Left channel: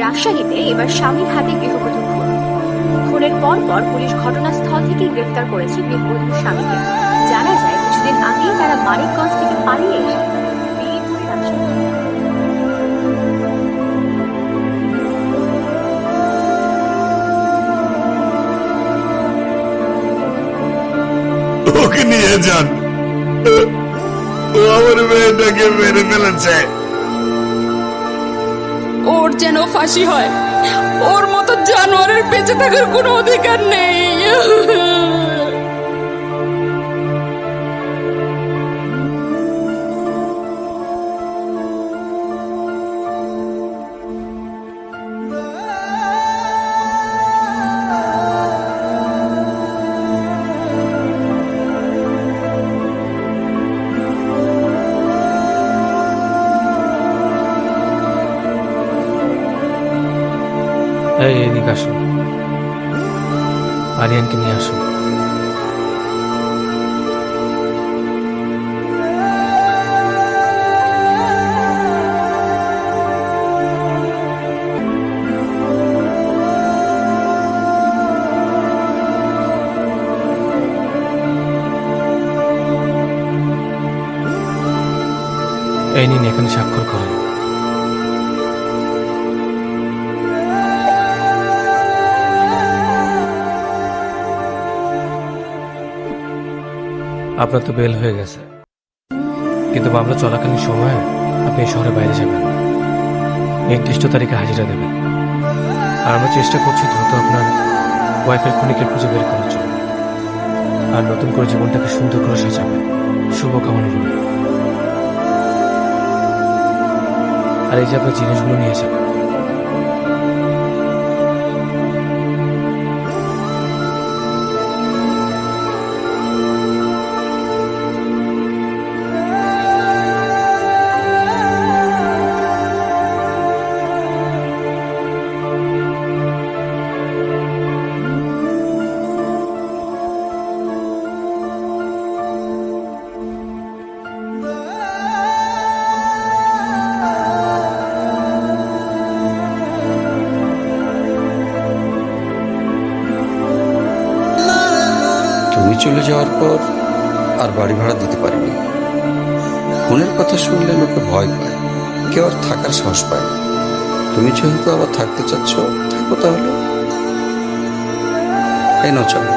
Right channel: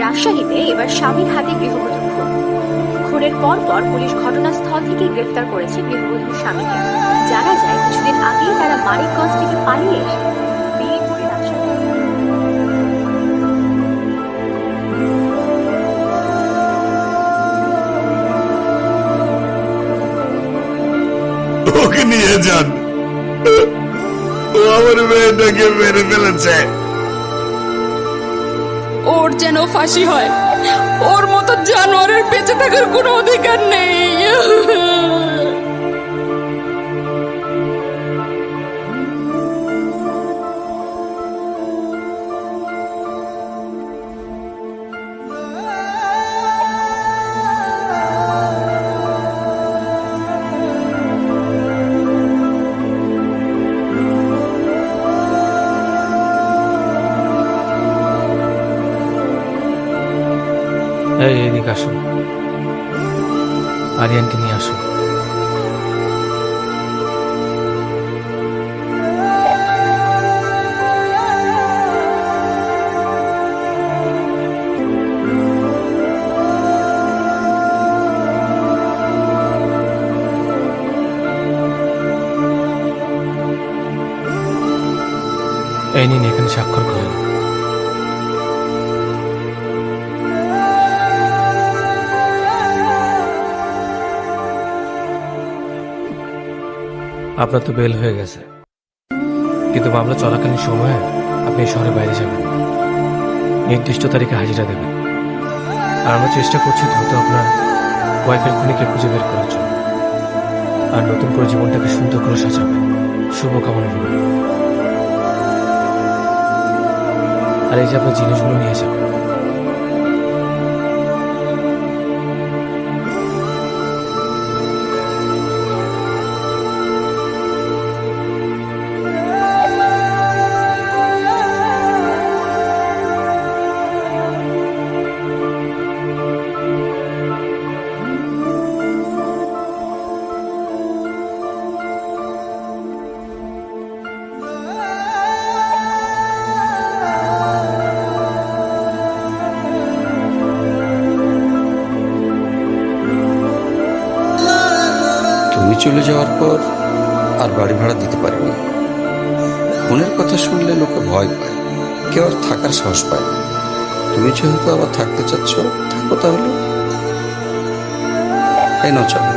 রাজশাহীতে এবার স্বামীর হাতে গৃহবধূ খুন। খুনের পর পুলিশ ঘটনাস্থল থেকে গ্রেফতার করেছে গৃহবধূর স্বামীকে। জানা যায় কিছুদিন আগেই তারা মানিকগঞ্জ থেকে পালিয়ে এসে বিয়ে করে রাজশাহী। ওকে নিয়ে যান, ও আমার মেয়েটাকে মেরে ফেলেছে। ওর যেন ফাঁসি হয়, ওর মতো জানোয়ারের বেঁচে থাকার কোনো অধিকার নেই। এদিকে আসো, আরিয়ানকে নিয়ে আসো। এই নিন, এখানে স্বাক্ষর করেন। আপনার তো বেল হয়ে গেছে, কিন্তু মামলা চলাকালীন সময়ে আপনি এই শহরের বাইরে যাবেন না, নির্দিষ্ট তারিখে হাজিরা দেবেন। আর আমরা চেষ্টা করছি দ্রুত আপনার ওয়াইফের খুনিকে খুঁজে বের করার জন্য, আর নতুন করে জীবনটাকে সুন্দর করে সাজাবেন। শুভকামনা রইল। আর এই যে আপনার জিনিসগুলো নিয়ে যাবেন। তুমি চলে যাওয়ার পর আর বাড়ি ভাড়া দিতে পারিনি। খুনের কথা শুনলে লোকে ভয় পায়, কেউ আর থাকার সাহস পায় না। তুমি যেহেতু আবার থাকতে চাচ্ছ, থাকো তাহলে। এই নাও চলো।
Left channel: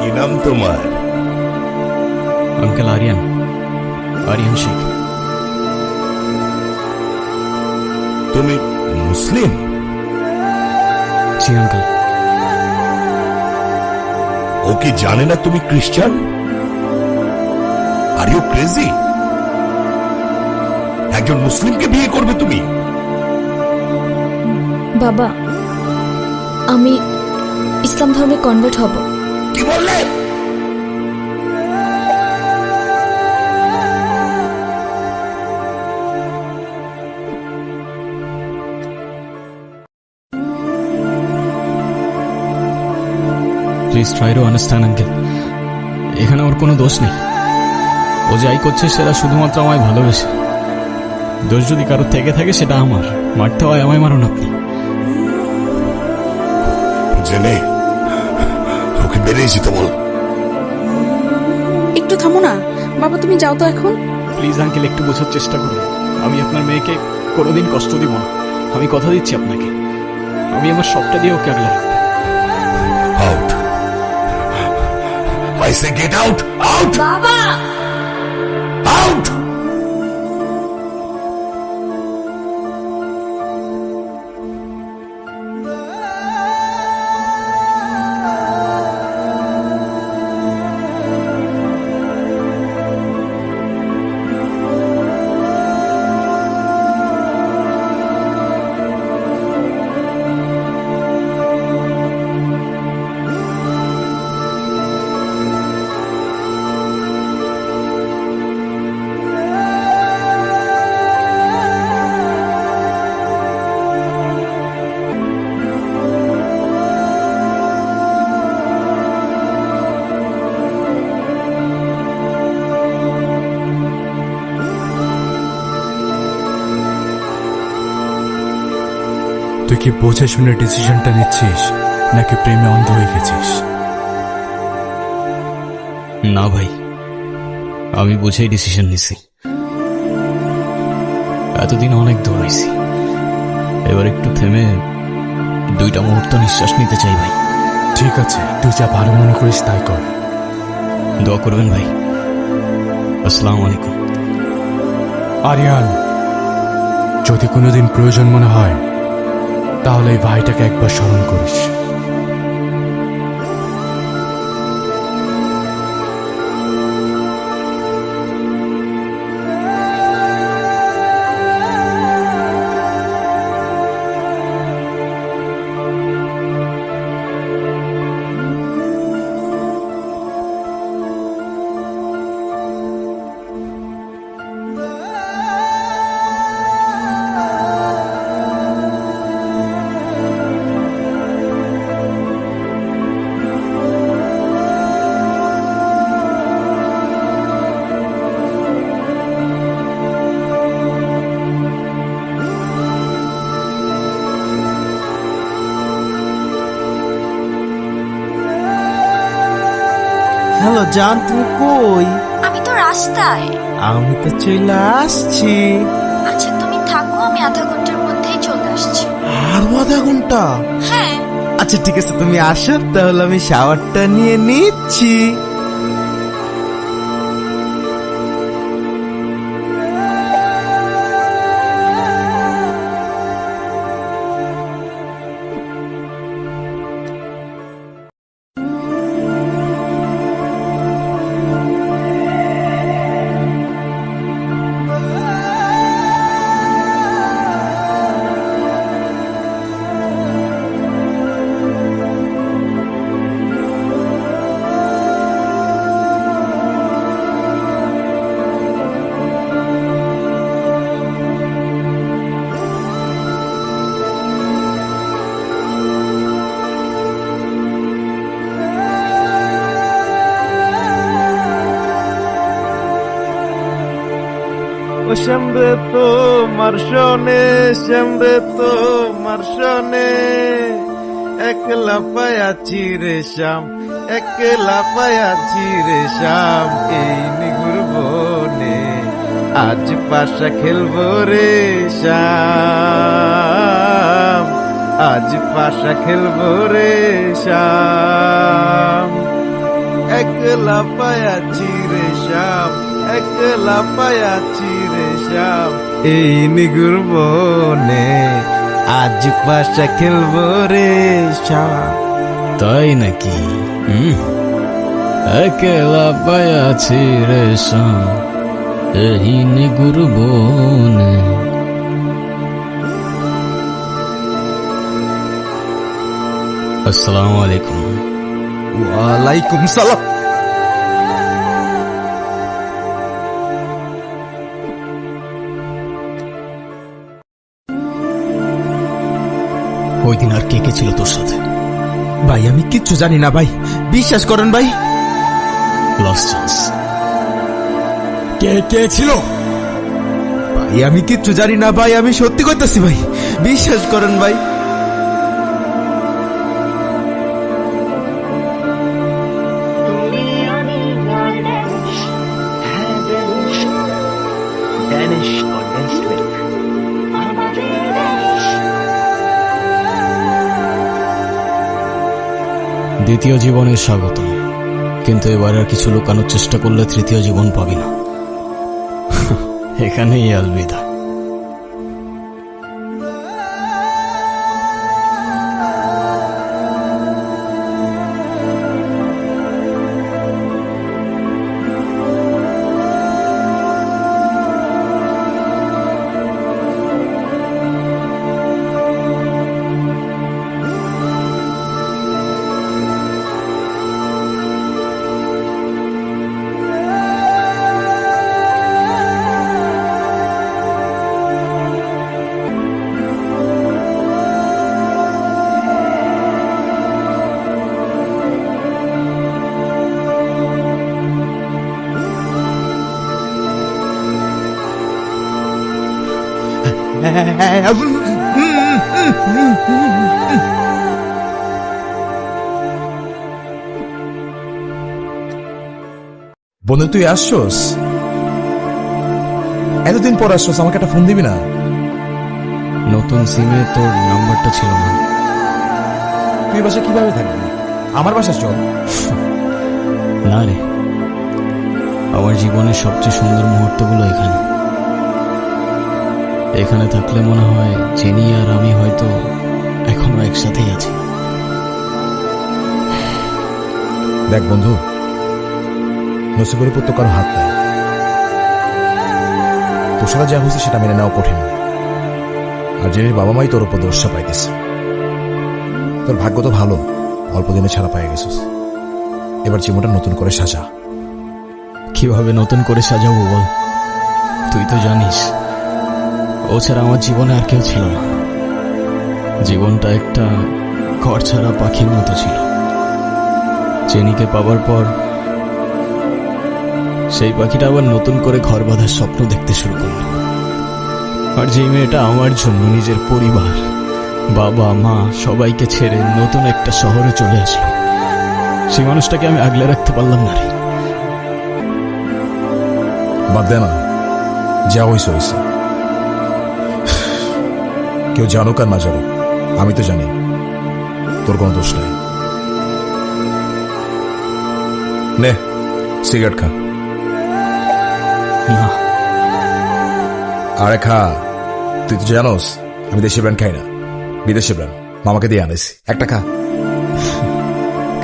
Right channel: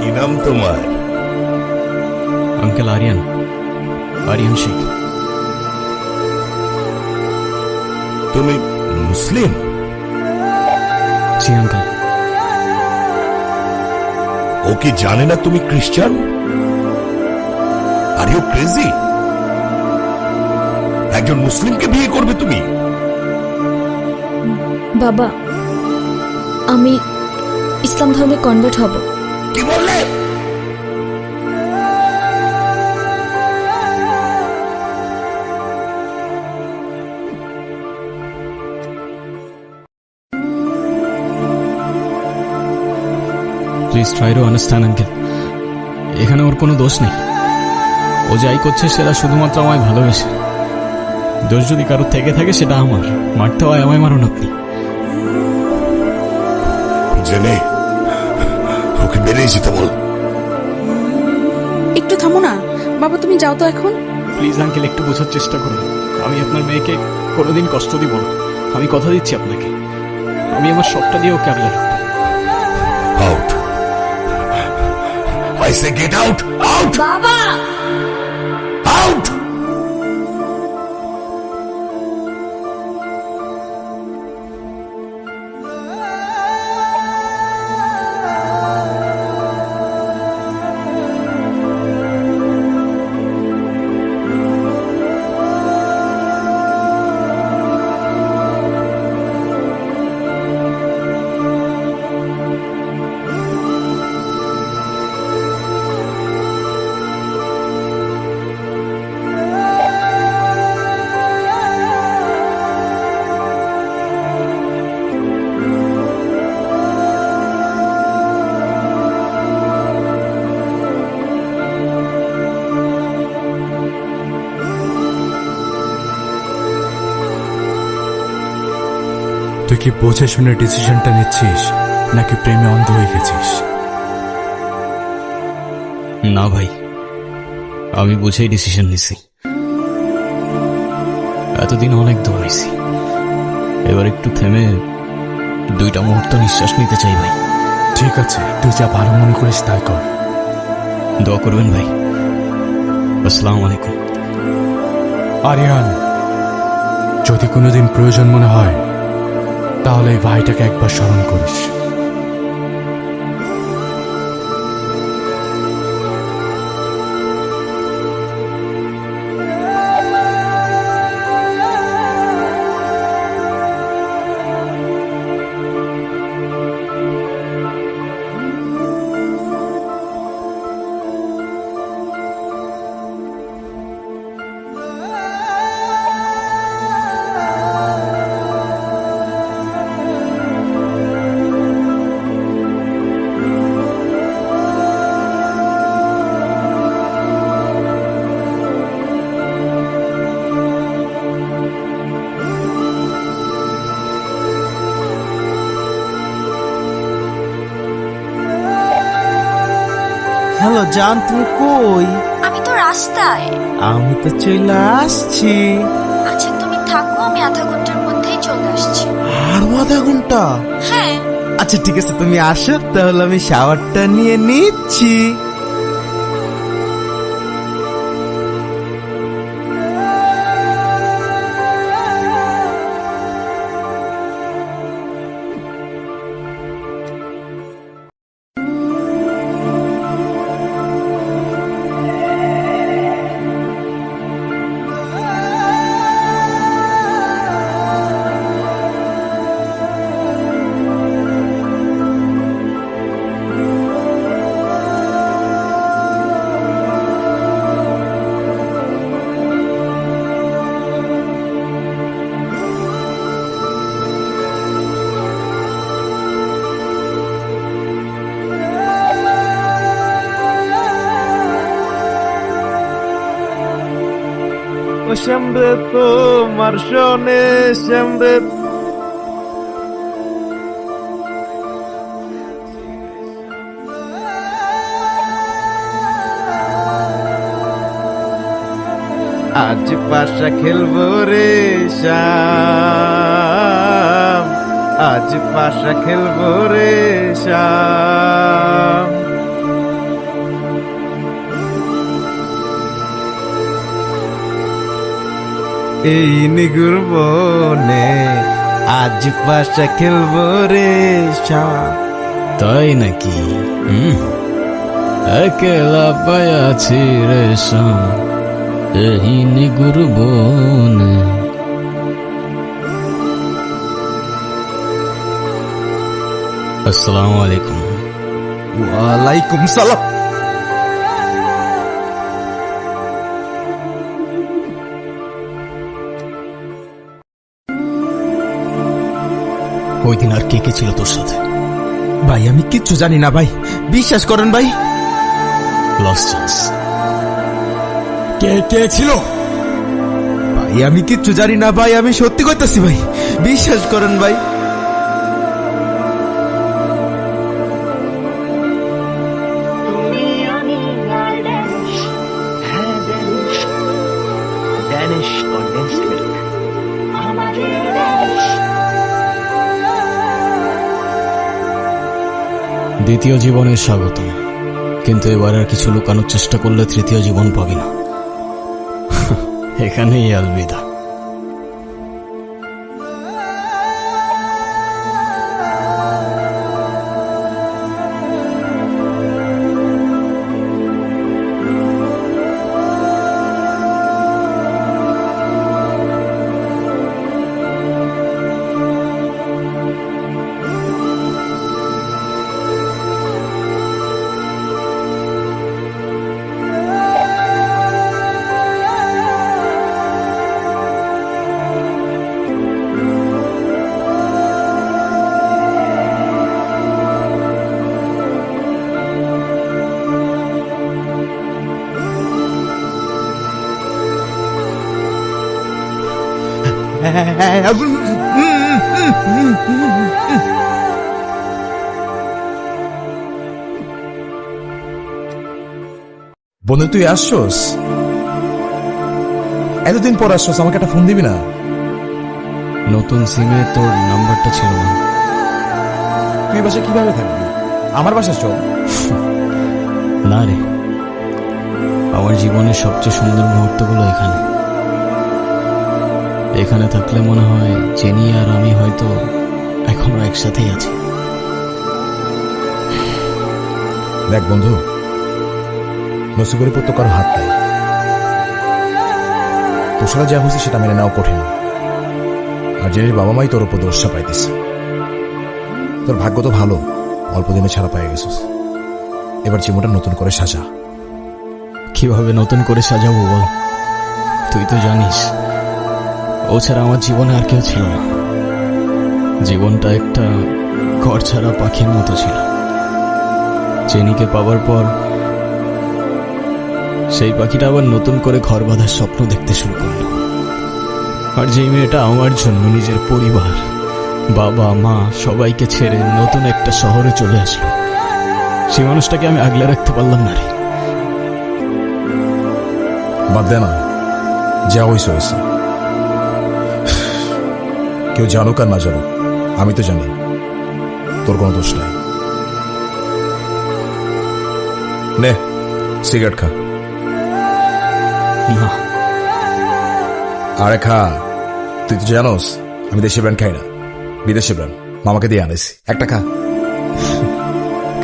কি নাম তোমার? अंकल आर्यन, आर्यन शेख। তুমি মুসলিম? जी अंकल। ও কি জানে না তুমি খ্রিস্টান? Are you crazy? একজন মুসলিমকে বিয়ে করবে তুমি? বাবা, আমি ইসলাম ধর্মে কনভার্ট হব। কি বললে? Please try to understand uncle. এখানে ওর কোনো দোষ নেই। ও যাই করছে সেটা শুধুমাত্র আমায় ভালোবেসে। দোষ যদি কারোর থেকে থাকে সেটা আমার। মারতে হয় আমায় মারুন আপনি। জেনে ওকে বেরিয়ে যেতে বল। একটু থামো না বাবা, তুমি যাও তো এখন। প্লিজ আঙ্কেল, একটু বোঝার চেষ্টা করুন। আমি আপনার মেয়েকে কোনোদিন কষ্ট দিব না। আমি কথা দিচ্ছি আপনাকে, আমি আমার সবটা দিয়ে ওকে আগলে রাখবো। Out, I say get out, out, বাবা! আউট। তুই কি বুঝে শুনে ডিসিশনটা নিচ্ছিস নাকি প্রেমে অন্ধ হয়ে গেছিস? না ভাই, আমি বুঝেই ডিসিশন নিছি। এতদিন অনেক দৌড়াইছি, এবার একটু থেমে 2টা মুহূর্ত নিঃশ্বাস নিতে চাই ভাই। ঠিক আছে, তুই যা ভালো মনে করিস তাই কর। দোয়া করবেন ভাই। আসসালামু আলাইকুম। আরিয়ান, যদি কোনোদিন প্রয়োজন মনে হয় তাহলে এই ভাইটাকে একবার স্মরণ করিস। হ্যালো জান, তুমি কই? আমি তো রাস্তায়। আমি তো চলে আসছি। আচ্ছা তুমি থাকো, আমি আধা ঘন্টার মধ্যেই চলে আসছি। আরো আধা ঘন্টা? হ্যাঁ। আচ্ছা ঠিক আছে, তুমি আসো তাহলে আমি শাওয়ারটা নিয়ে নিচ্ছি। ও শ্যামরে তোমার শোনে, শ্যামরে তোমার শোনে, একলা পায়াছি রে শ্যাম, একলা পায়াছি রে শ্যাম, এই নিগুর বনে আজ পাশা খেলবো রে শ্যাম, আজ পাশা খেলবো রে শ্যাম, একলা পায়াছি রে শ্যাম, একলা পায়াছি এই নিগুর বনে আজ পাশা খেলবো রে শ্যাম। তাই নাকি? একলা পায়াছি রে শ্যাম, এই নিগুর বনে। আসসালামু আলাইকুম। ওয়ালাইকুম সালাম। ওই দিন আর কে কে ছিল তোর সাথে? ভাই আমি কিচ্ছু জানি না ভাই, বিশ্বাস করেন ভাই। Lost chance. কে কে ছিল? ভাই আমি কিচ্ছু জানি না ভাই, আমি সত্যি করতেছি ভাই, বিশ্বাস করেন ভাই। দ্বিতীয় জীবনের স্বাগতম, কিন্তু এবার আর কিছু লুকানোর চেষ্টা করলে তৃতীয় জীবন পাবি না। এখানেই আলবিদা। বন্ধু তুই আসছস? এতদিন পর আসছস, আমাকে একটা ফোন দিবি না? নতুন সিমে তোর নাম্বারটা ছিল না। তুই বাসা কিভাবে থাকবি? আমার বাসা চল। না রে, আমার জীবনের সবচেয়ে সুন্দর মুহূর্তগুলো এখানে। এখানে থাকলে মনে হয় জেনি আর আমি হয়তো এখনো একসাথেই আছি। দেখ বন্ধু, নসিবের উপর তো কারো হাত নাই। তোর সাথে যা হয়েছে সেটা মেনে নেওয়া কঠিন, আর জেনির বাবা মাই তোর উপর দোষটা পাইতেছে। তোর ভাগ্য তো ভালো, অল্প দিনে ছাড়া পাই গেছিস। এবার জীবনটা নতুন করে সাজা। কিভাবে নতুন করে সাজাবো বল? তুই তো জানিস ও ছাড়া আমার জীবনে আর কেউ ছিল না। জীবনটা একটা ঘর ছাড়া পাখির মতো ছিল। জেনিকে পাবার পর সেই পাখিটা আবার নতুন করে ঘর বাঁধার স্বপ্ন দেখতে শুরু করলো। আর যেই মেয়েটা আমার জন্য নিজের পরিবার, বাবা মা সবাইকে ছেড়ে নতুন একটা শহরে চলে আসলো, সেই মানুষটাকে আমি আগলে রাখতে পারলাম না রে। বাদ দে না, যা হয়েছে হয়েছে। কেউ জানুক আর না জানুক, আমি তো জানি তোর কোনো দোষ নাই। নে সিগারেট খা। না, আরে খা, তুই তো জানোস আমি দেশি ব্র্যান্ড খাই না, বিদেশি ব্র্যান্ড মামাকে দিয়ে আনেছি। একটা খা।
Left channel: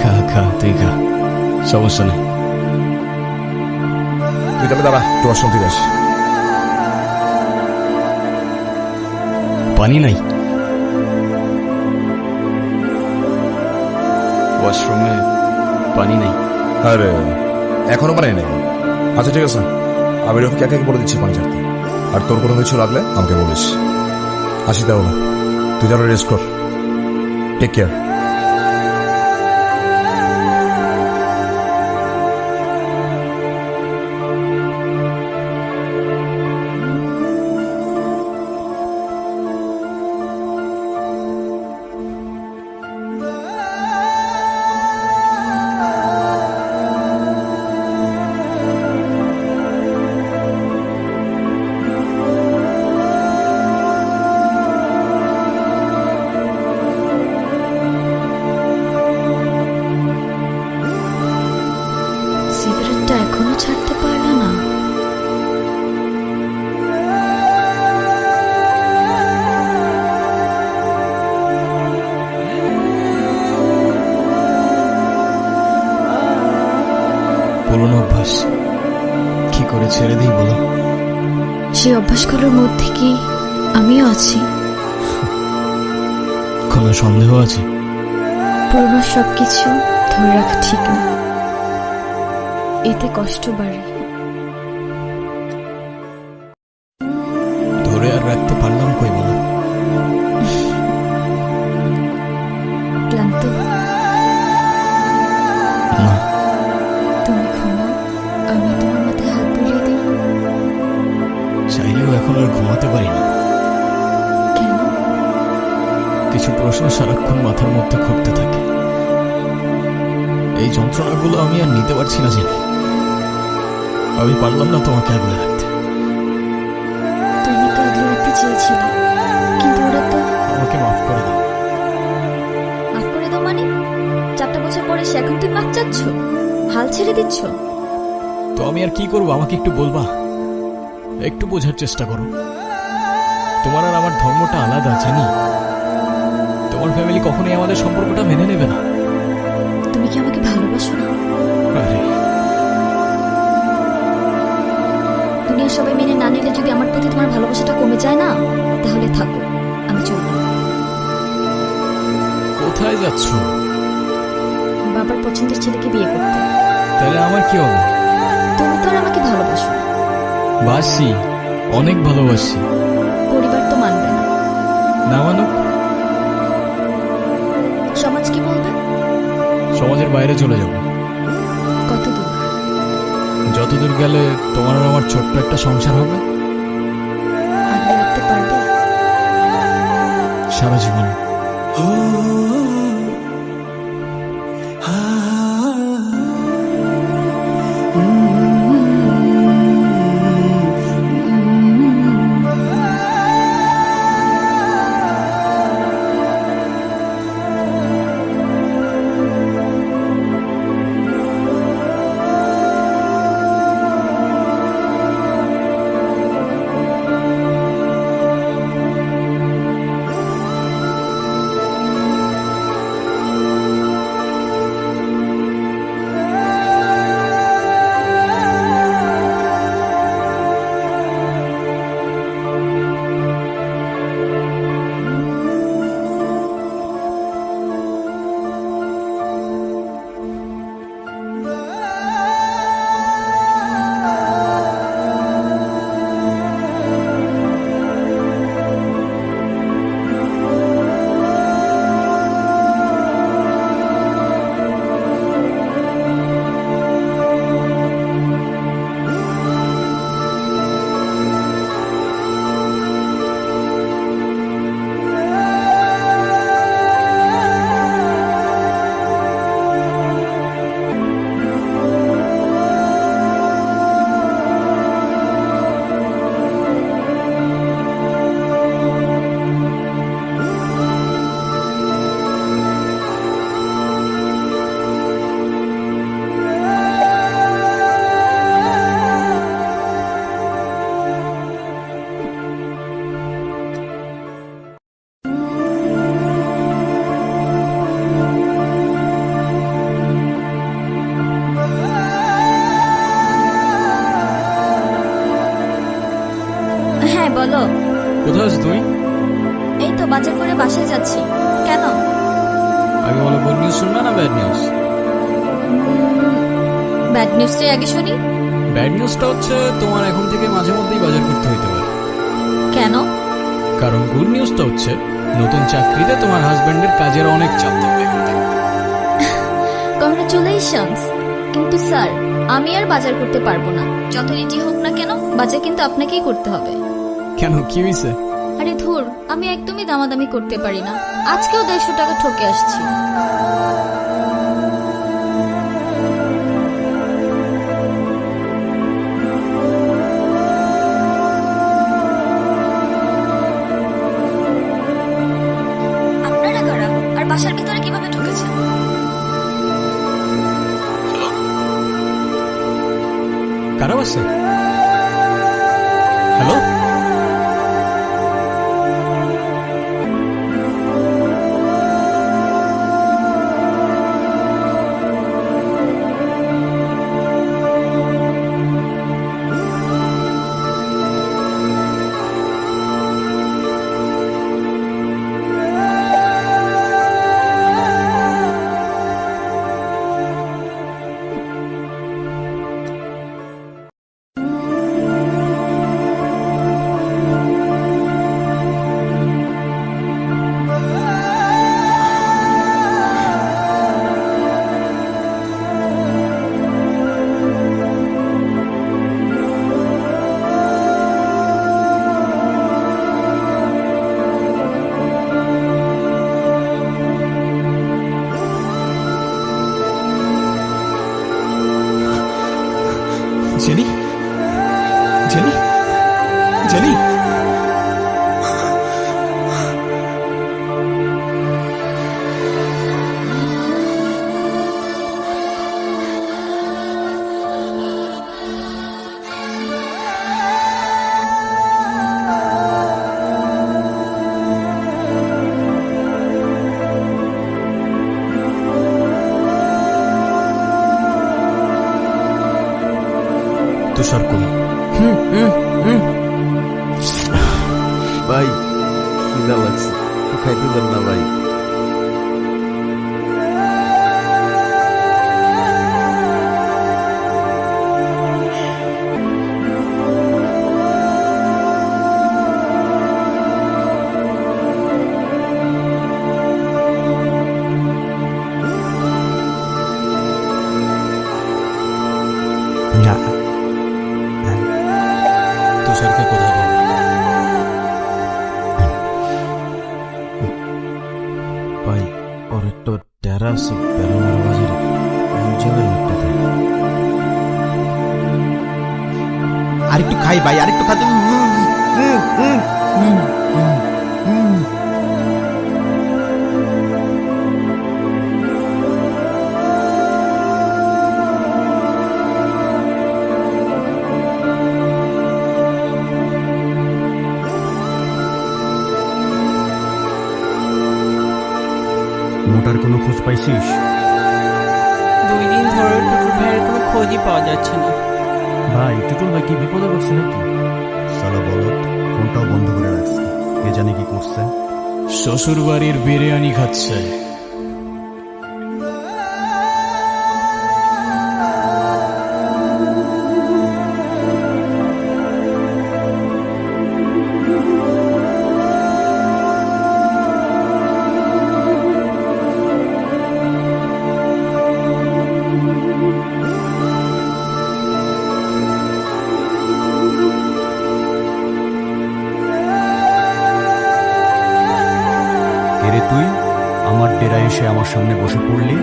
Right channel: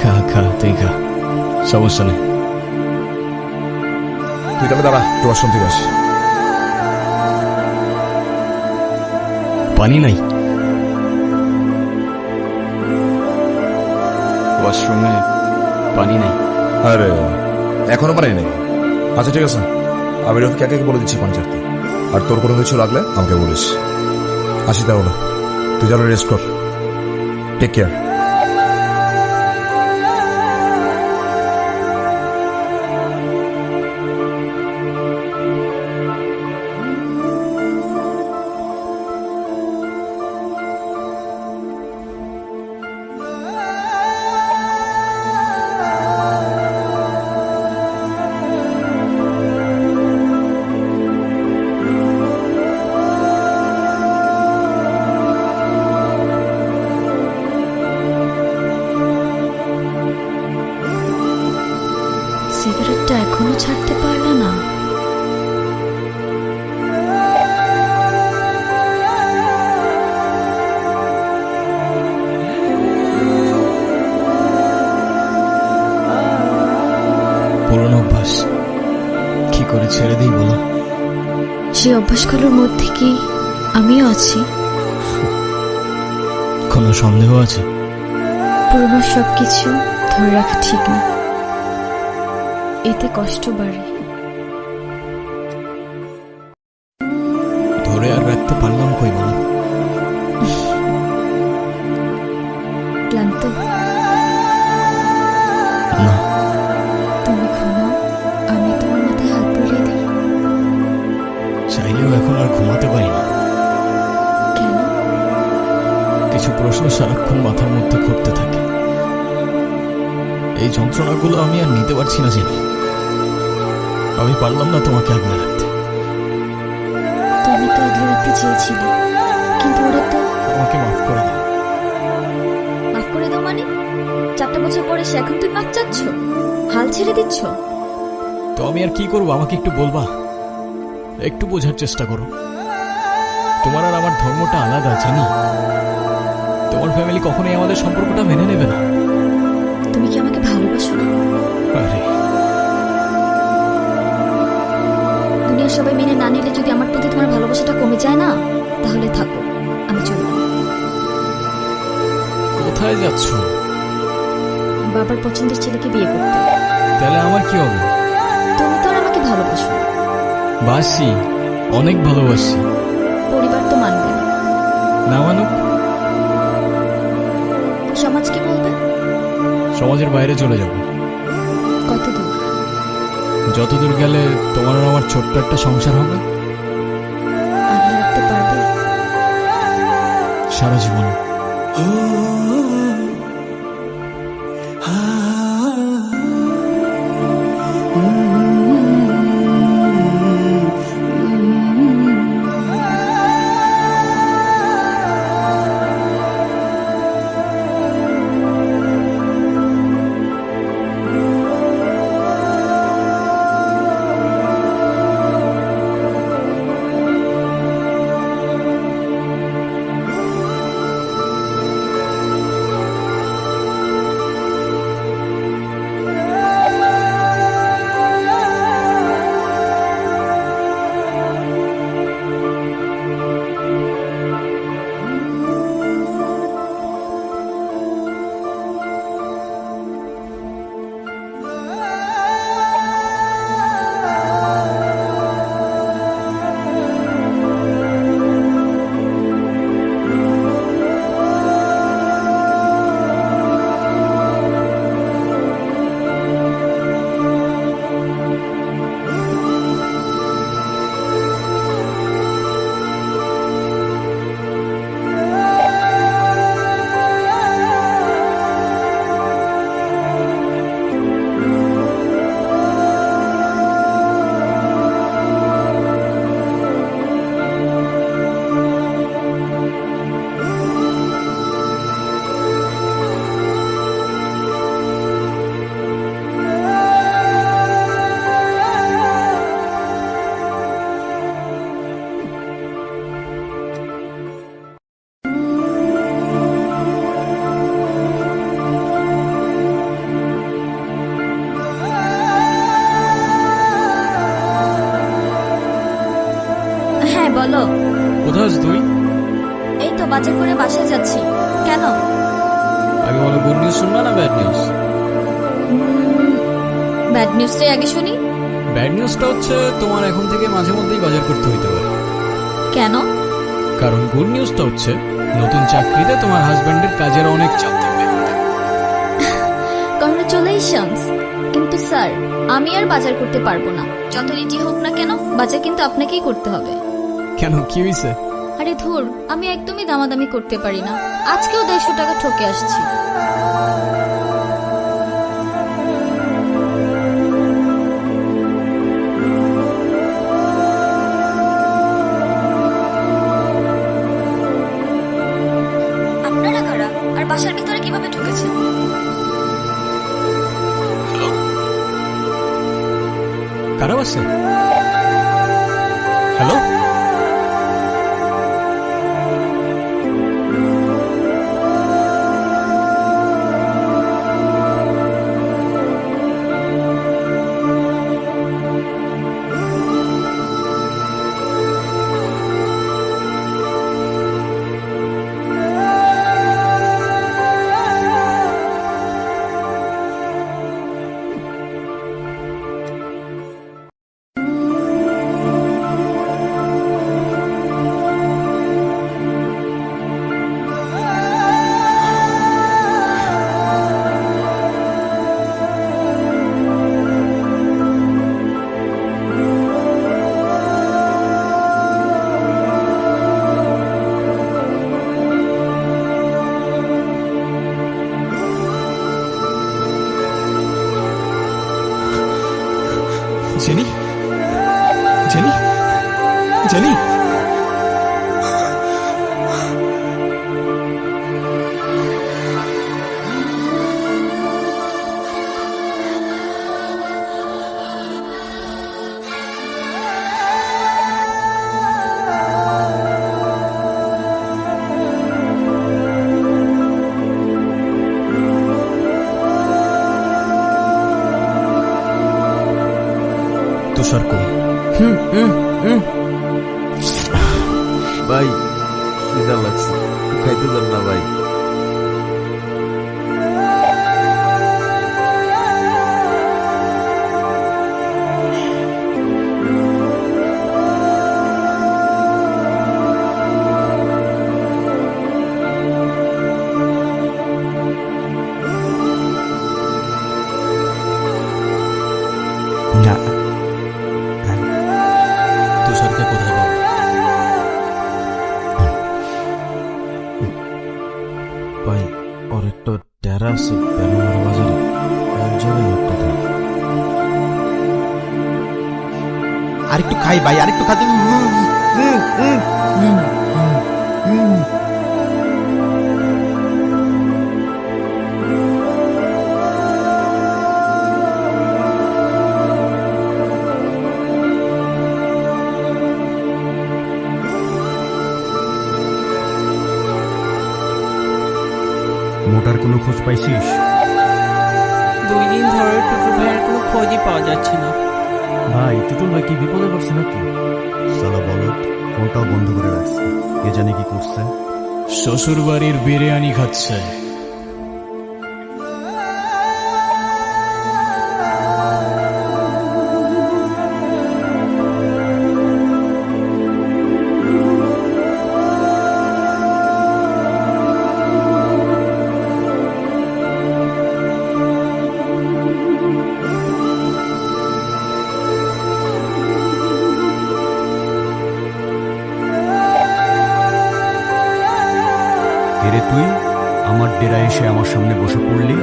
খা খা, তুই খা, সমস্যা নেই। তুই তাহলে দাঁড়া, একটু ওয়াশরুম থেকে আসি। পানি নাই ওয়াশরুমে? পানি নেই? আরে এখনো পানি নেই? আচ্ছা ঠিক আছে, আমি রফিক একে বলে দিচ্ছি পানি ছাড়তে, আর তোর কোনো কিছু লাগলে আমাকে বলিস। আসি তাহলে, তুই তাহলে রেস্ট কর। Take care. সিগারেটটা এখনো ছাড়তে পারলা না? পুরনো অভ্যাস, কি করে ছেড়ে দিই বলো? সেই অভ্যাসগুলোর মধ্যে কি আমিও আছি? কোনো সন্দেহ আছে? পুরনো সবকিছু ধরে রাখা ঠিক না, এতে কষ্ট বাড়ে। ধরে আর রাখতে পারলাম কই বলো? ক্লান্ত? না, তুমি ঘুমাও, আমি তোমার মাথায় হাত বুলিয়ে দিই। চাইলেও এখন আর ঘুমাতে পারি না। কেন? কিছু প্রশ্ন সারাক্ষণ মাথার মধ্যে ঘুরতে থাকে। এই যন্ত্রণাগুলো আমি আর নিতে পারছি না জেনি। আমি পারলাম না তোমাকে আগলে রাখতে। তুমি তো আগলে রাখতে চেয়েছিলে, কিন্তু ওরা তো। আমাকে মাফ করে দাও। মাফ করে দাও মানে? 4টা বছর পরে সে এখন তুমি মাফ চাচ্ছ? হাল ছেড়ে দিচ্ছ? তো আমি আর কি করবো, আমাকে একটু বলবা? একটু বোঝার চেষ্টা করো। তোমার আর আমার ধর্মটা আলাদা জানি। তোমার ফ্যামিলি কখনোই আমাদের সম্পর্কটা মেনে নেবে না। তুমি কি আমাকে ভালোবাসো না? আরে দুনিয়ার সবাই মেনে না নিলে যদি আমার প্রতি তোমার ভালোবাসাটা কমে যায় না, তাহলে থাকো, আমি চললাম। কোথায় যাচ্ছ? বাবার পছন্দের ছেলেকে বিয়ে করতে। তাহলে আমার কি হবে? তুমি তো আর আমাকে ভালোবাসো না। বাসি, অনেক ভালোবাসি। পরিবার তো মানবে না। না মানুক? সমাজ কি বলবে? সমাজের বাইরে চলে যাব। কত দূর? যতদূর গেলে তোমার আর আমার ছোট্ট একটা সংসার হবে। আগলে রাখতে পারবে? সারা জীবন। হ্যাঁ বলো। কোথায় আছিস তুই? এই তো বাজার করে বাসায় যাচ্ছি। কেন? আগে বলো, গুড নিউজ শুনবা না ব্যাড নিউজ? ব্যাড নিউজটাই আগে শুনি। ব্যাড নিউজটা হচ্ছে তোমার এখন থেকে মাঝে মধ্যেই বাজার করতে হইতে পারে। কেন? কারণ গুড নিউজটা হচ্ছে নতুন চাকরিতে তোমার হাজবেন্ডের কাজের অনেক চাপ থাকবে। কংগ্রাচুলেশনস। কিন্তু স্যার, আমি আর বাজার করতে পারবো না। যত রেডি হোক না কেন, বাজার কিন্তু আপনাকেই করতে হবে। কেন, কি হয়েছে? আরে ধুর, আমি একদমই দামাদামি করতে পারি না। আজকেও 150 টাকা ঠকে আসছি। আপনারা কারা? আর বাসার ভিতরে কিভাবে ঢুকেছেন? কারা বাসে? হ্যালো? জানি। তুষার কই? ভাই খিদা লাগছে, একটু খাইতে দেন না ভাই। না, তুষারকে কোথায় পাবো? ভাই ওর একটা ডেরা আছে বেড়ামারা বাজারে, ওই জায়গায় লোকটাকে। আরেকটু খাই ভাই, আরেকটু খাতে। মোটার কোনো খোঁজ পাইছিস? 2 দিন ধরে টুটুল ভাইয়ের কোনো খোঁজই পাওয়া যাচ্ছে না। ভাই টুটুল ভাই কি বিপদে পড়ছে নাকি? সালা বলত, ফোনটাও বন্ধ করে রাখছে, কে জানে কি করছে। শ্বশুর বাড়ির বিরিয়ানি খাচ্ছে। কে তুই আমার ডেরা এসে আমার সামনে বসে পড়লি?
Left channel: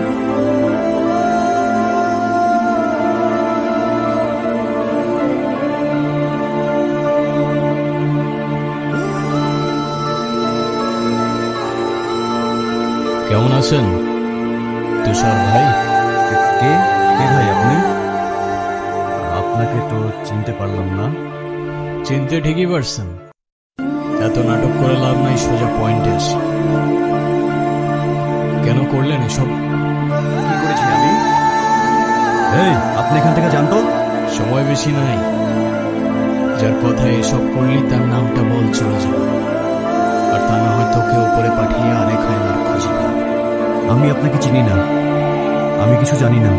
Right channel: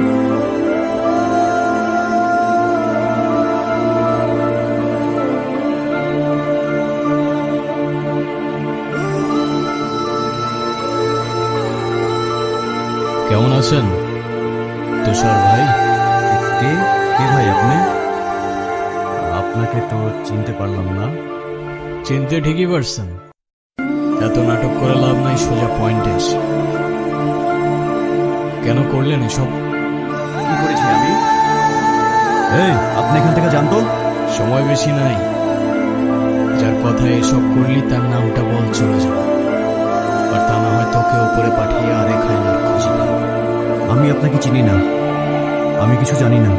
কেমন আছেন তুষার ভাই? কে কে ভাই আপনি? আপনাকে তো চিনতে পারলাম না। চিনতে ঠিকই পারছেন, এত নাটক করে লাভ নাই, সোজা পয়েন্টে আসি। কেন করলেন এসব? কি করেছি আমি? এই আপনি এখান থেকে জানতো? সময় বেশি নাই, যার কথা এসব করলি তার নামটা বল, চলে যাও। আর তা না হয় তোকে উপরে পাঠিয়ে আরেক হায়নার খুঁজে পাব। আমি আপনাকে চিনি না, আমি কিছু জানি না।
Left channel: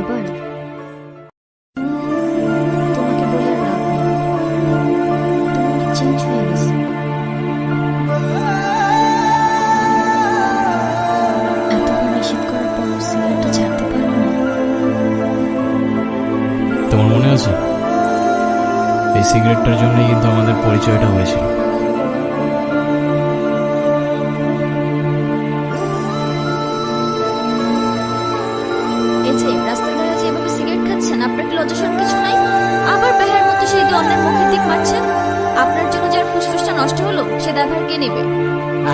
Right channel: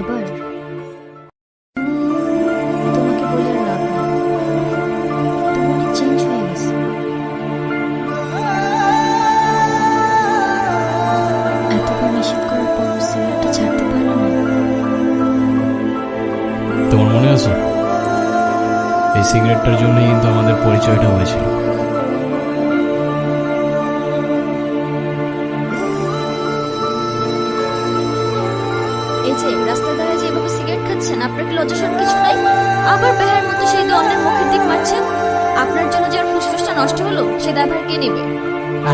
আবার তোমাকে বলে আর লাভ নেই, তুমি অনেক চেঞ্জ হয়ে গেছে। এতবার নিষেধ করার পর সিগারেটটা ছাড়তে পারলে না। তোমার মনে আছে এই সিগারেটটার জন্যই কিন্তু আমাদের পরিচয়টা হয়েছিল। এই যে রাস্তায় দাঁড়িয়ে যে এভাবে সিগারেট খাচ্ছেন, আপনার কি লজ্জা শরম কিছু নাই? আবার বেহার মতো সেই অন্যের মুখের দিক মারছেন। আপনার জন্য যার ফুসফুসটা নষ্ট হলো সে দায়ভার কে নেবে?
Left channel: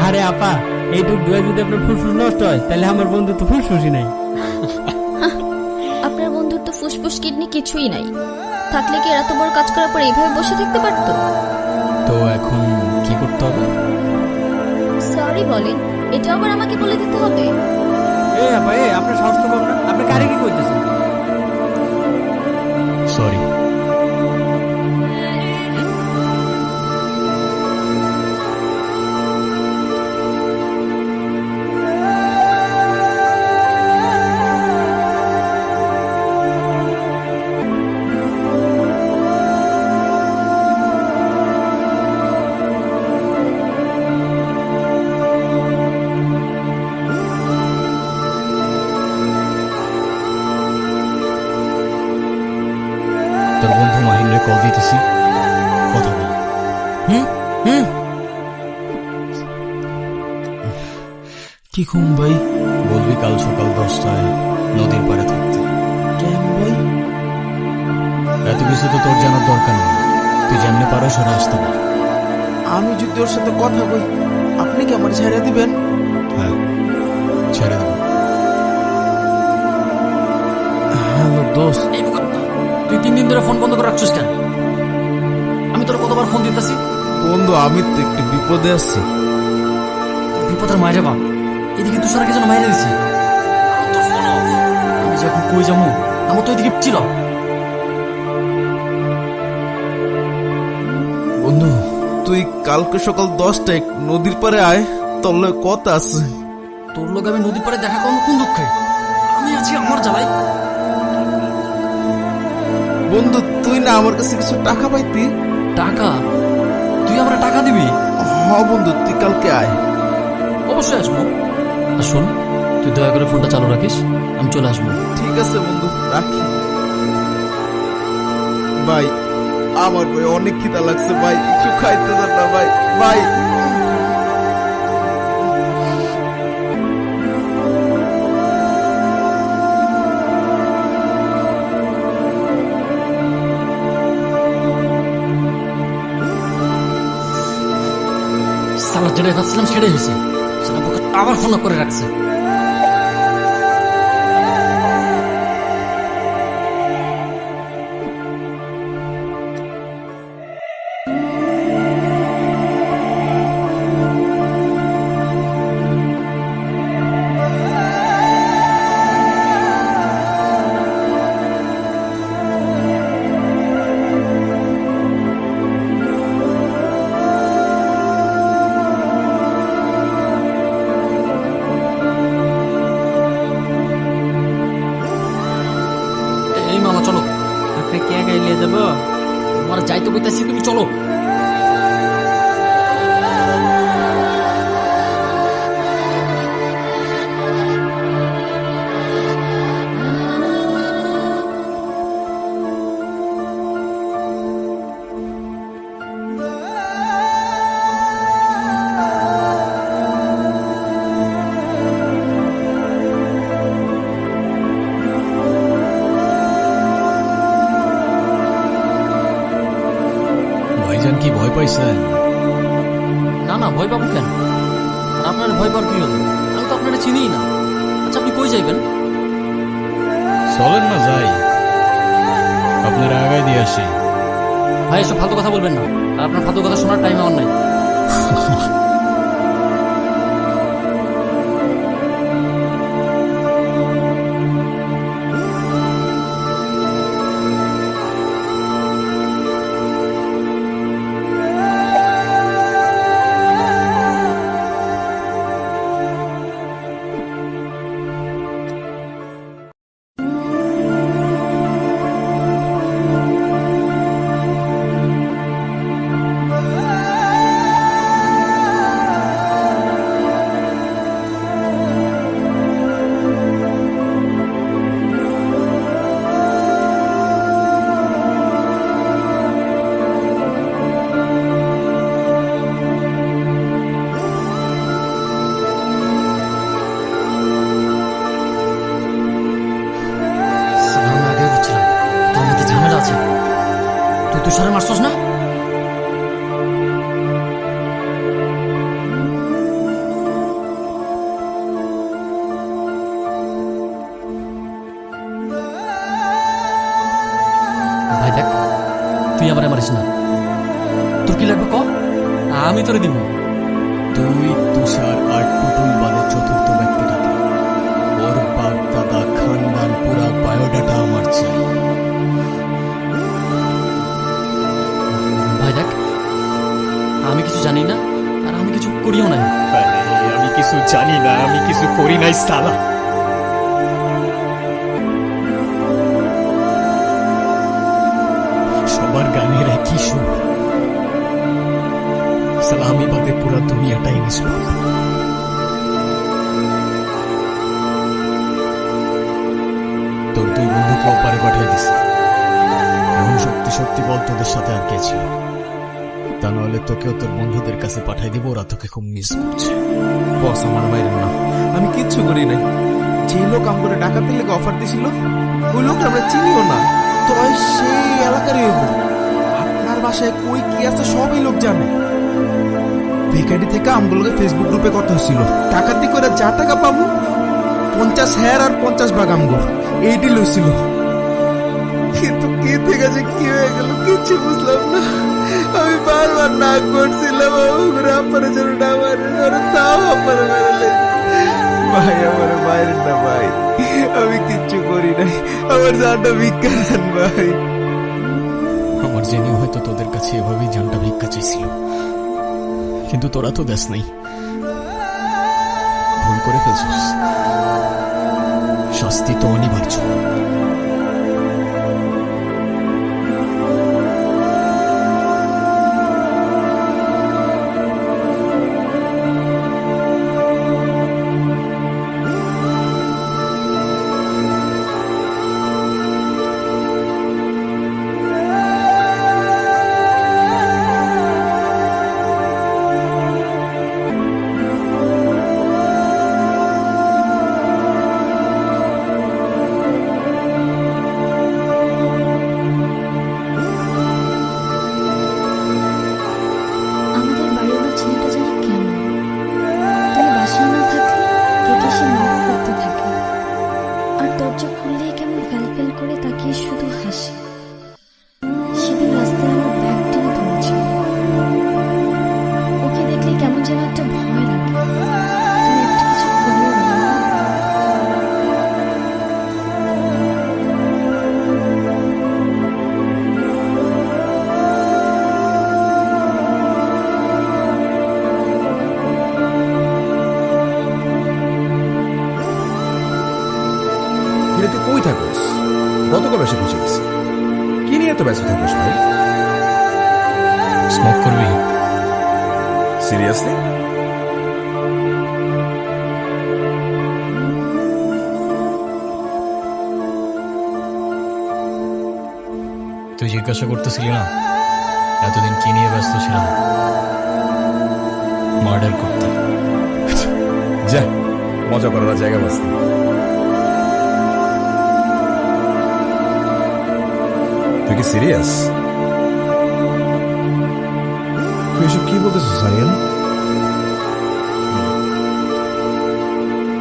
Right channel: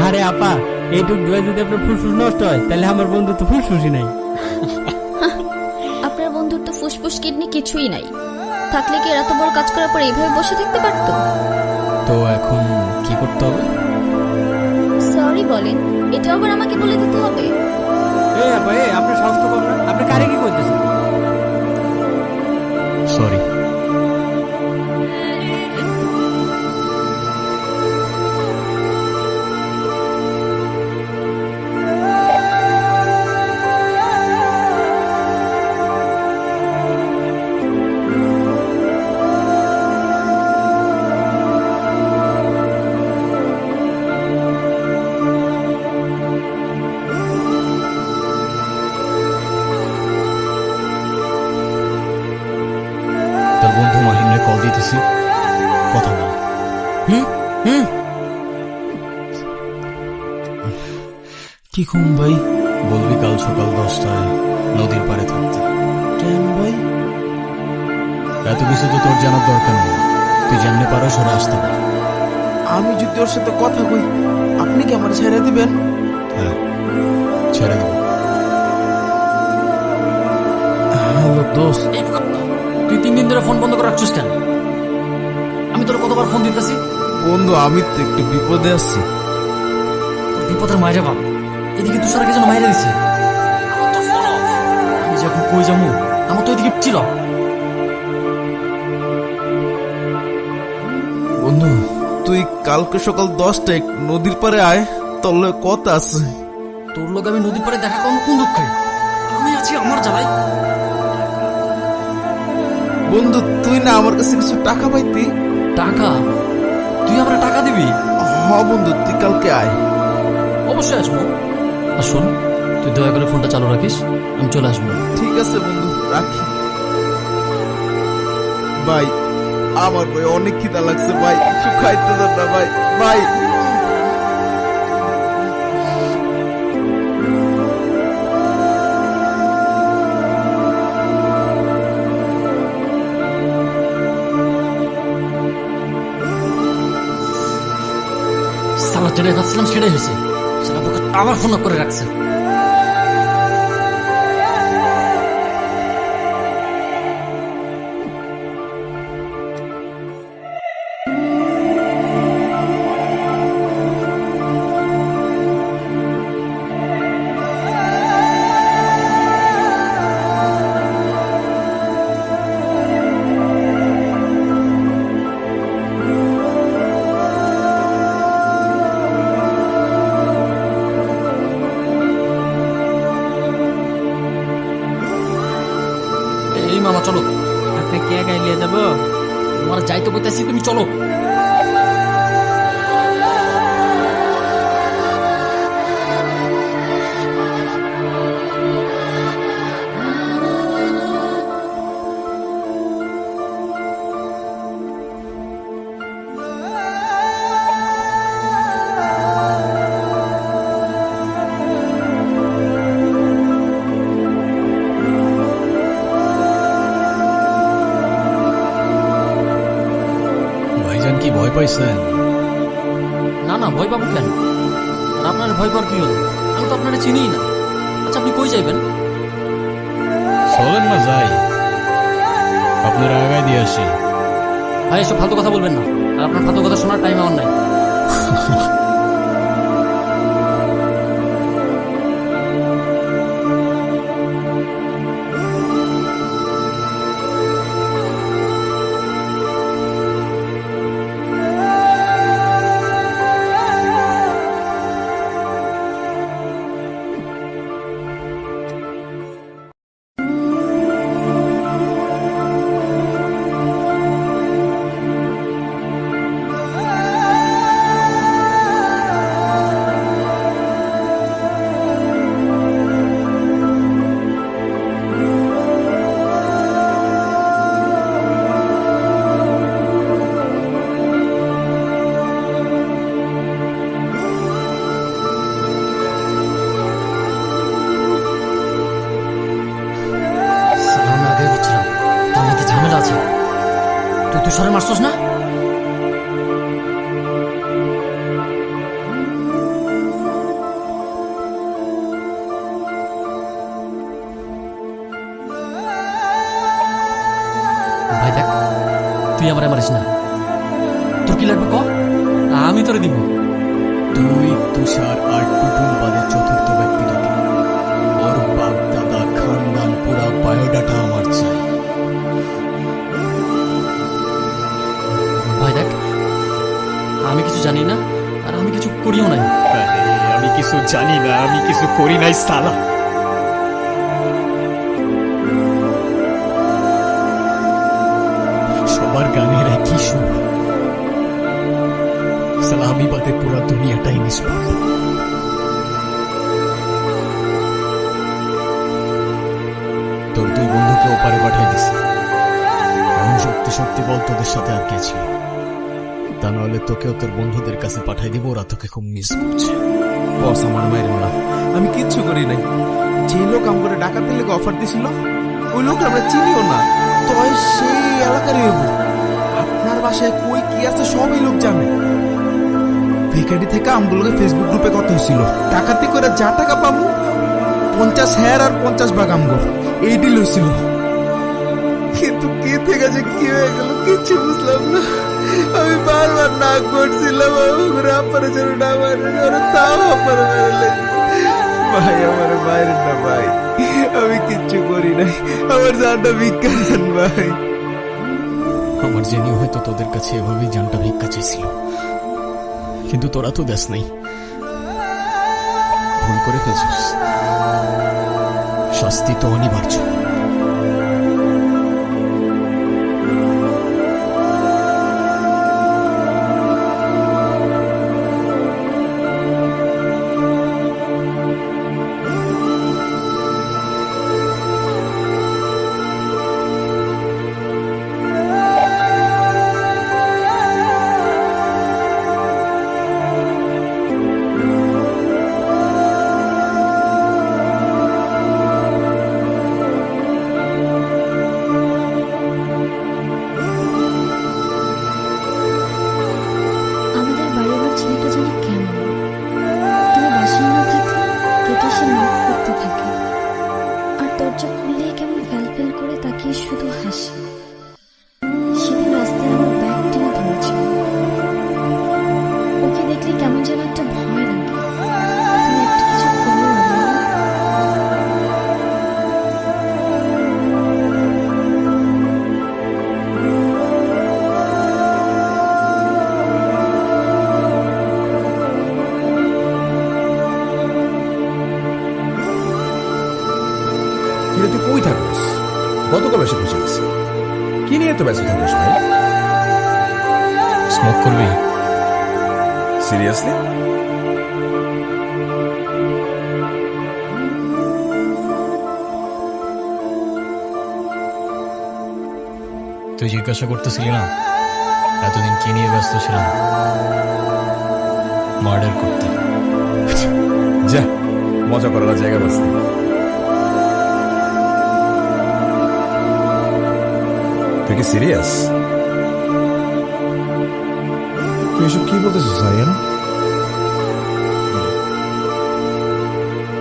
আরে আপা, এইটুক দোয়া যদি আপনার ফুসফুস নষ্ট হয় তাহলে আমার বন্ধু তো ফুসফুসই নাই। আপনার বন্ধুর তো ফুসফুস কিডনি কিছুই নাই, থাকলে কি এত বড় কাজ করার পর এইভাবে বসে থাকতে পারতো? তো এখন কি করতে হবে? সরি বলেন, এটা আবার আমাকে বলে দিতে হবে? এ আপা, আপনার সাহস তো কম না, আপনি কারে কি করতেছেন? সরি। তোর বন্ধু মাহিন্দ্রে কল দিতেছি, কথা বল। কি খুম ভাই? বলবি কাল সকাল 10টায় নদীর পাড়ে থাকতে। কেন ভাই? এত কিছু তো তোর জানার দরকার নেই, তুই যেমনে পারো সরে আসতে পার। আমি যদি ওর সাথে কথা কই, আপনি কি আমার ছেড়ে দিবেন? হ্যাঁ, ছেড়ে দেব। হ্যালো দোস্ত। তুই 3 দিন ধরে ফোন বন্ধ করে রাখছিস কেন? আমি তোর কতবার ফোন দিতেছি। বন্ধু, আমি তো একটু বিপদে আছি। তোর বিপদের মায়েরে বাপ, এদিকে তুষার কে যেন মাইরে দিছে। আমার তোর ফোন অফ। আমি যখন কই যাবো আমার তো এদিকে ছিল। বন্ধু, তুই কালকে সকাল 10টায় নদীর পাড়ে আয়, তোর লগে কথা আছে। তোর লোক আমি নদীর পাড়ে দেখা করবো কোন দুঃখে? আমি আছি আমার জ্বালাই। বন্ধু, তুই না আমার কাছে কিছু টাকা পাইতি? টাকা? তুই আমরা টাকা দিবি? হ বন্ধু, তুই কালকে আয়। অবশ্যই আসবো। আর শোন, তুই দয়া করে ফোনটা চালু রাখিস, আমি চলে আসবো। ঠিক আছে বন্ধু, রাখি। ভাই, আমার ভাই অনেক খিদা লাগছে ভাই, একটু খাইতে দেন না ভাই। ভাই সালা যেটা ভাবছিলাম সেটাই হয়েছে। সেটা বোকা আবার ফোন করে রাখছে। এই মামা চলো। আপনি কে একাই নিয়ে যাবো? তোমার যাইতে কইতাছি, তুমি চলো। ভাইজান কি ভয় পাইছেন? না না, ভয় পাবো কেন? আর আপনার ভয় পাওয়ার কি হলো? আমি তো আপনারা চিনিই না। আচ্ছা, আপনি কই যাইবেন? চলেন না যাই, আপনারা আগায় দিয়ে আসি। ভাই, এসব ফালতু কথা বলবেন না। আর আপনার ফালতু কথা শোনার টাইম আমার নাই। ঝামেলা আছে। তুই তুষারে মারছস না? তুই আমারে মারিস না। তোর কি লাগবে ক, আমি তোরে দিব। তুই, তুষার আর টুটুল বাদে চতুর্থ ব্যক্তিটাকে, ওর বাপ দাদা খানদান পুরা বায়োডাটা আমার চাই। ভাই দেখ, আমি কিছু জানি না আর আমি কিছু করিও নাই। আমি কিছু জানি না, আমি কিছু করি নাই সালা। সবার গানের একই সুর, সালা আমি বাদে পুরা দুনিয়াটাই নিষ্পাপ। তোর দুই বন্ধুকে ওপারে পাঠিয়ে দিছে। এখন সত্যি সত্যি বল, তোদের সাথে আর কে ছিল? তা নাহলে তোকেও তোর বন্ধুদের কাছে পাঠাই দিব, ওরা তোকে খুব মিস করছে। বস আমার মায়ের না, আমি কিচ্ছু করি নাই। যে লোক আম করে ডাকাতের লেগে অফার দিছিল, ওই লোক আমরা চিনিও না। তো সেই এলাকারই হইব। আপনার বাসায় কই কি আছে সব এই লোক জানে। ভিকারি থেকে আমগুলোকে ফেসবুক গ্রুপে কত হয়েছিল, ডাকাতি করে যা টাকা পাবো 50 হ্যার আর 50 ভাগ আমগর, এই ডিল হয়েছিল। কিন্তু কি থেকে যে কি হয়ে গেল কিচ্ছু বুঝলাম না। আমি বারবার না করছিলাম আপনার জন্য না মারে, তাও আপনার মেরে। ভাই আমার মায়ের না ভাই, আমি কিচ্ছু করি নাই, আমার জানটা ভিক্ষা দেন ভাই। আমার জেনে হয়তো তোদের কাছে এভাবেই জানটা ভিক্ষা চাইছিল, কিন্তু তোরা তো দেশ নাই। ভুল করে ফেলছিস, শাস্তি তো অনিবার্য। ছেলেটা জানি কেমন, তুমি বাসায় না থাকলে গেটে সে নক করতে থাকে, আর দরজা খুললেই কেমন ফেল করে তাকিয়ে শুধু হাসে। সেদিন রাস্তায় আমার ব্যাগ টেনে ধরেছিল, ওকে দেখলে কেমন যেন একটা ভয় লাগে। তুমি একটা কিছু করো আরিয়ান। কিরে তুই কই থাকোস? গতকাল এসে পৌঁছে গেছি, কি নিয়ে এত ব্যস্ত থাকোস ভাই? স্মোক করবি? সিরিয়াসলি? তুই জিজ্ঞাসা করতেছিলি না এতদিন কি নিয়ে ব্যস্ত ছিলাম? মার্ডার করতে। যা, মজা করার জায়গা বাঁচতে। তুই কি সিরিয়াস? তুই এসব কি বলতেছিস আরিয়ান?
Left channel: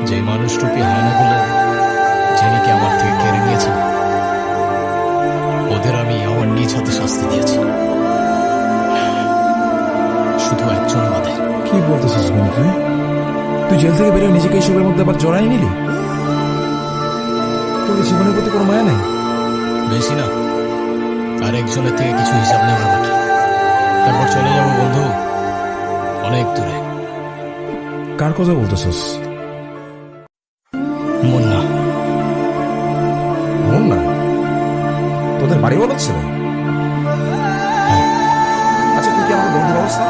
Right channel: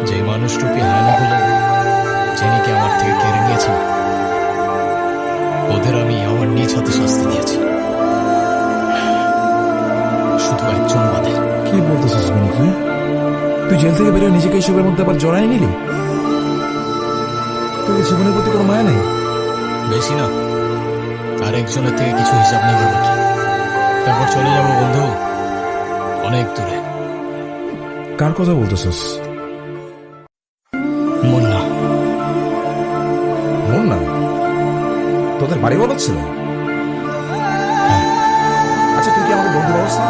যে মানুষরূপী হায়নাগুলো জেনিকে আমার থেকে কেড়ে নিয়েছে, ওদের আমি আমার নিজ হাতে শাস্তি দিয়েছি, শুধু একজন বাদে। কি বলতেছিস বন্ধু তুই? তুই জেল থেকে বেরিয়ে নিজেকে এইসবের মধ্যে আবার জড়াই নিলি? তোর জীবনের প্রতি কোনো মায়া নেই? বেশি না, আর একজনের থেকে কিছু হিসাব নেবার বাকি, তারপর চলে যাব বন্ধু অনেক দূরে। কার কথা বলতেছিস? মুন্না। মুন্না? তোদের বাড়ি বলা ছিল? হ্যাঁ। আচ্ছা তুই কি আমাকে বন্ধু ব্যবস্থা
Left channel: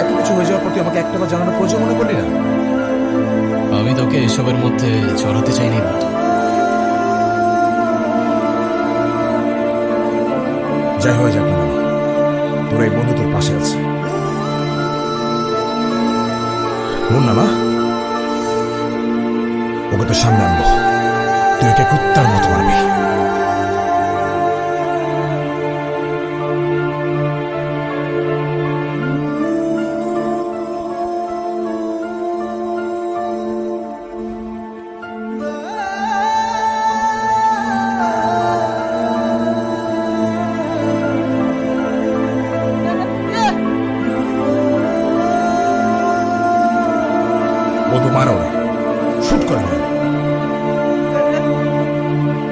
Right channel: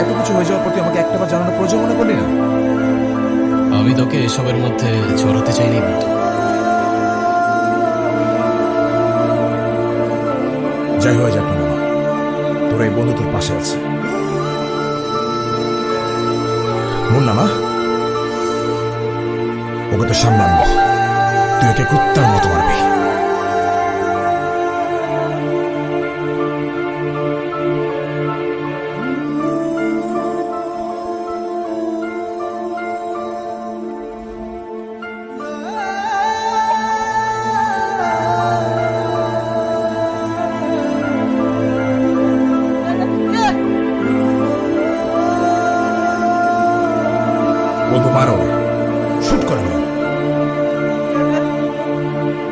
এত কিছু হয়ে যাওয়ার পর তুই আমাকে একটাবার জানানোর প্রয়োজন মনে করলি না? আমি তোকে এসবের মধ্যে জড়াতে চাইনি বন্ধু। যাই হয়ে যাক না কেন, তোর এই বন্ধু তোর পাশে আছে। মুন্না না, ওকে তো সামনে আনবো, তুই ওকে কুত্তার মতো মারবি। বলবো মারো রে, শুট করে না,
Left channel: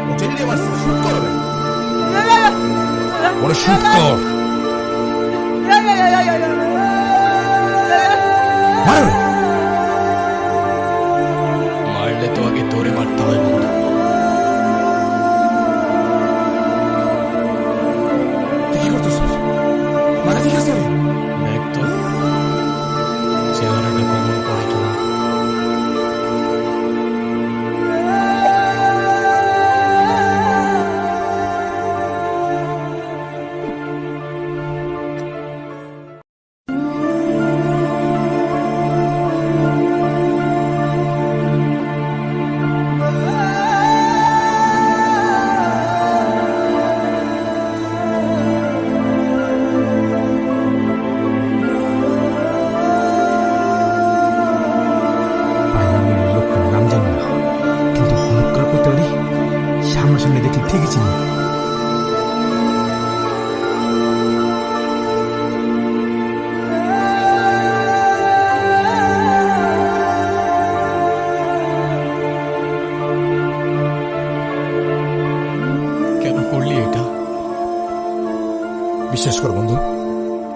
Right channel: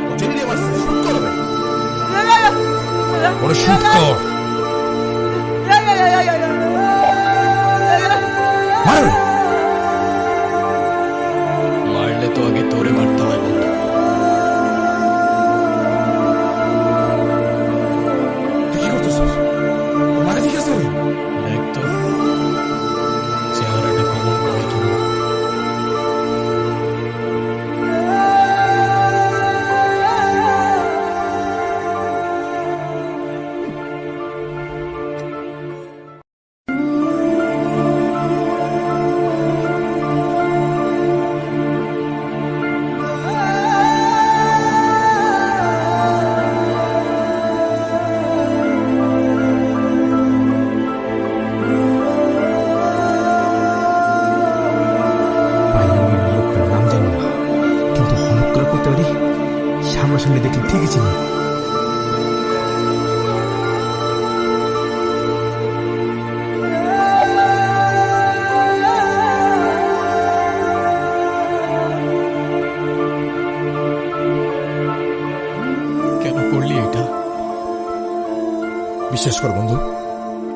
ও জেনে নিয়ে মারছে, শুট করো রে, ওরে শুট কর, মারো রে। মারলে তো আগে তোরে মারতে হয় বন্ধু। তুই কি করতেছিস? মাথা ঠিক আছে রে? দেখ তো চেহারাটা কমন পড়ে কিনা। লোকটার নাম জানি না, কিন্তু হলুদ করে করতে পারি, সামনাসামনি দেখলে ঠিকই চিনি। কেন করলি এটা? বিশ্বাস কর বন্ধু,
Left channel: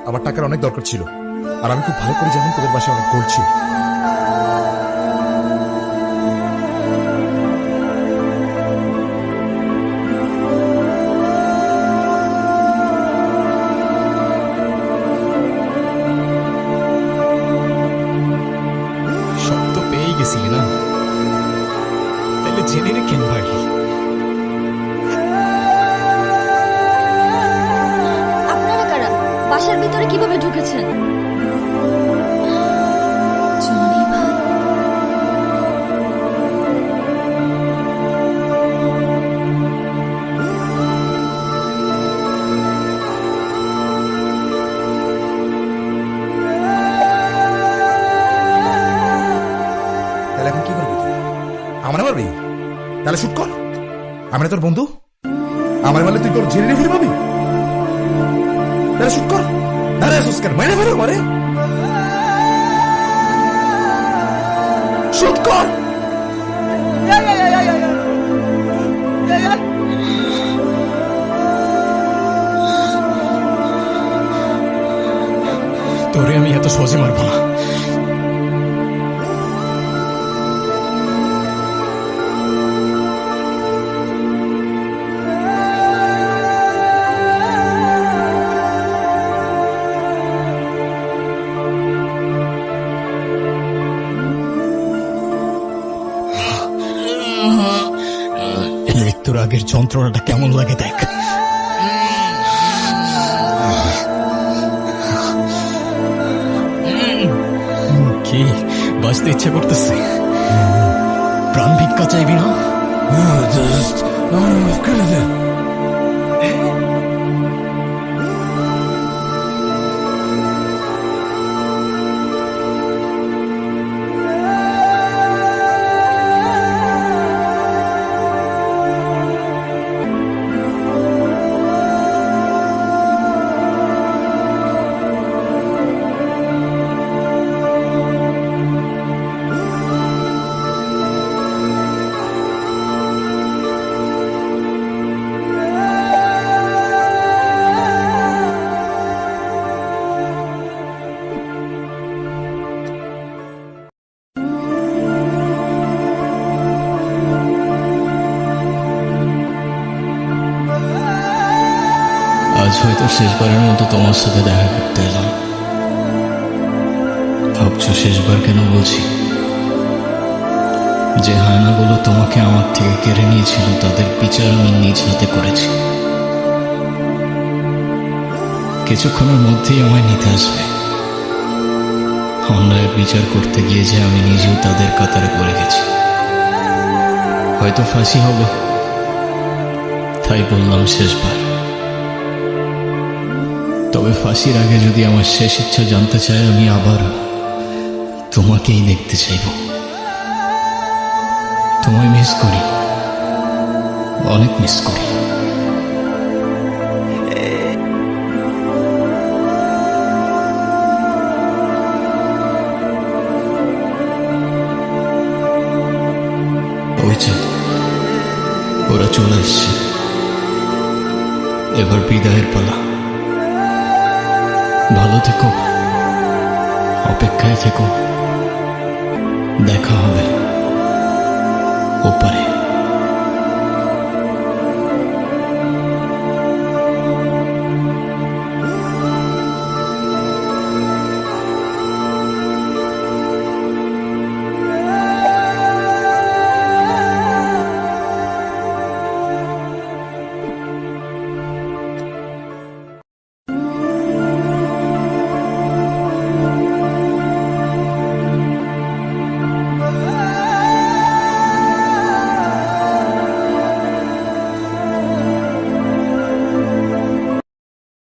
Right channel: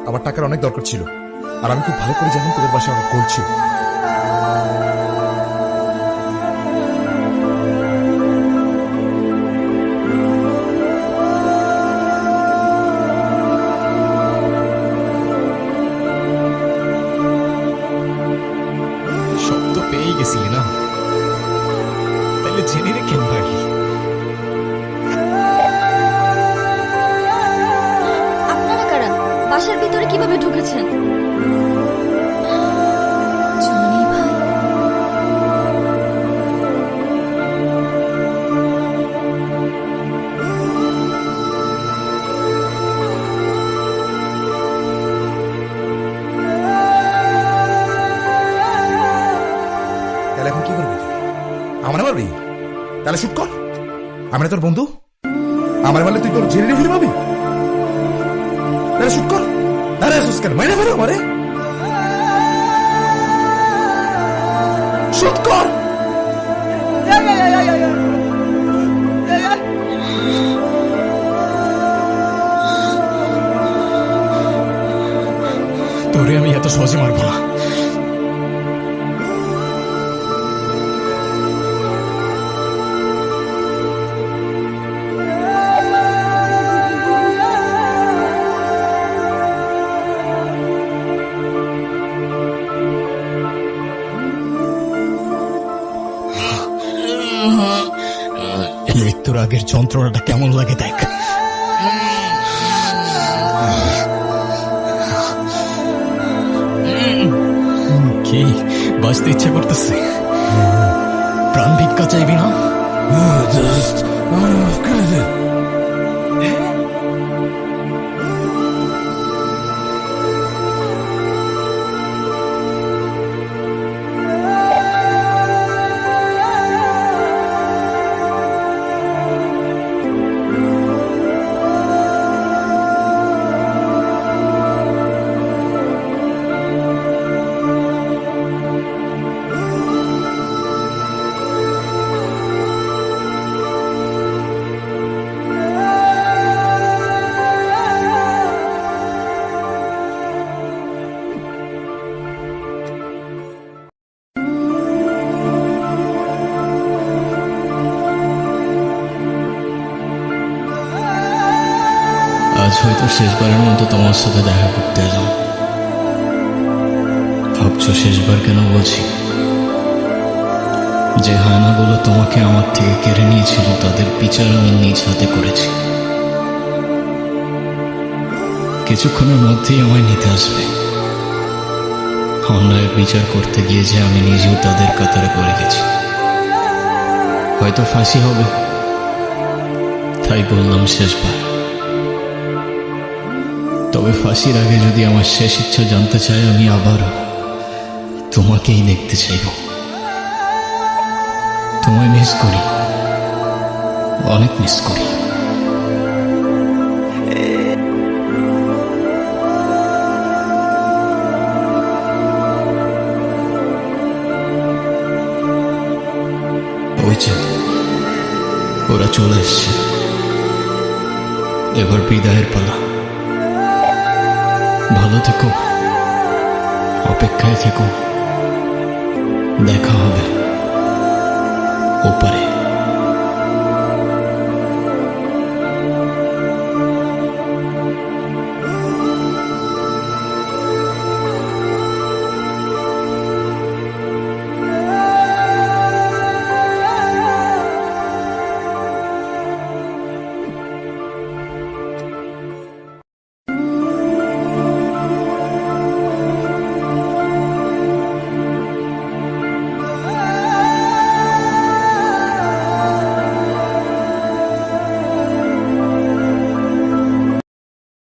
আমার টাকার অনেক দরকার ছিল, আর আমি খুব ভালো করে জানি তোদের বাসায় অনেক গোল্ড ছিল। সব তো পেয়ে গেছিলি না, তাহলে জেনে রে কেন পারলি? আপনারা কারা? বাসার ভিতরে কিভাবে ঢুকেছেন? জনি ভাই, তাহলে এখন কি করবি তুই? আমার মারবি? তাহলে শুট কর, আমি না তোর বন্ধু? আমার মারলে তুই তোর জেনে ফিরে পাবি? তাহলে শুট কর, দাঁড়া সুস্কার মাইনে ফেরো আমারে, শুট কর। তোরে আমি এত সহজে মারবো না। মৃত্যুর আগের যন্ত্রণাটা কেমন লাগে দেখ। কি বাঁচতে ইচ্ছা করতেছে? প্রাণ ভিক্ষা চাইবি না? আজ হয়তো শেষবারের মতো তোমার সাথে দেখা করতে এলাম। ভাবছো শেষবার কেন বলছি? যে হায়নাগুলো তোমাকে আমার থেকে কেড়ে নিয়েছিল তাদের বিচার আমি নিজ হাতে করেছি। কিছুক্ষণের মধ্যেই আমায় নিতে আসবে। অন্যায়ের বিচার করতে গিয়ে যে আমি নিজেও তাদের কাতারে পড়ে গেছি। হয়তো ফাঁসি হবে, তাই বললাম শেষবার। তবে ফাঁসির আগে যদি আমার শেষ ইচ্ছা জানতে চায়, আমি আবারও তোমাকেই দেখতে চাইব। তোমায় মিস করি, অনেক মিস করি। ওই যে ওরা চলে এসছে, এবার বিদায়ের পালা। ভালো থেকো, অপেক্ষায় থেকো, দেখা হবে ওপারে।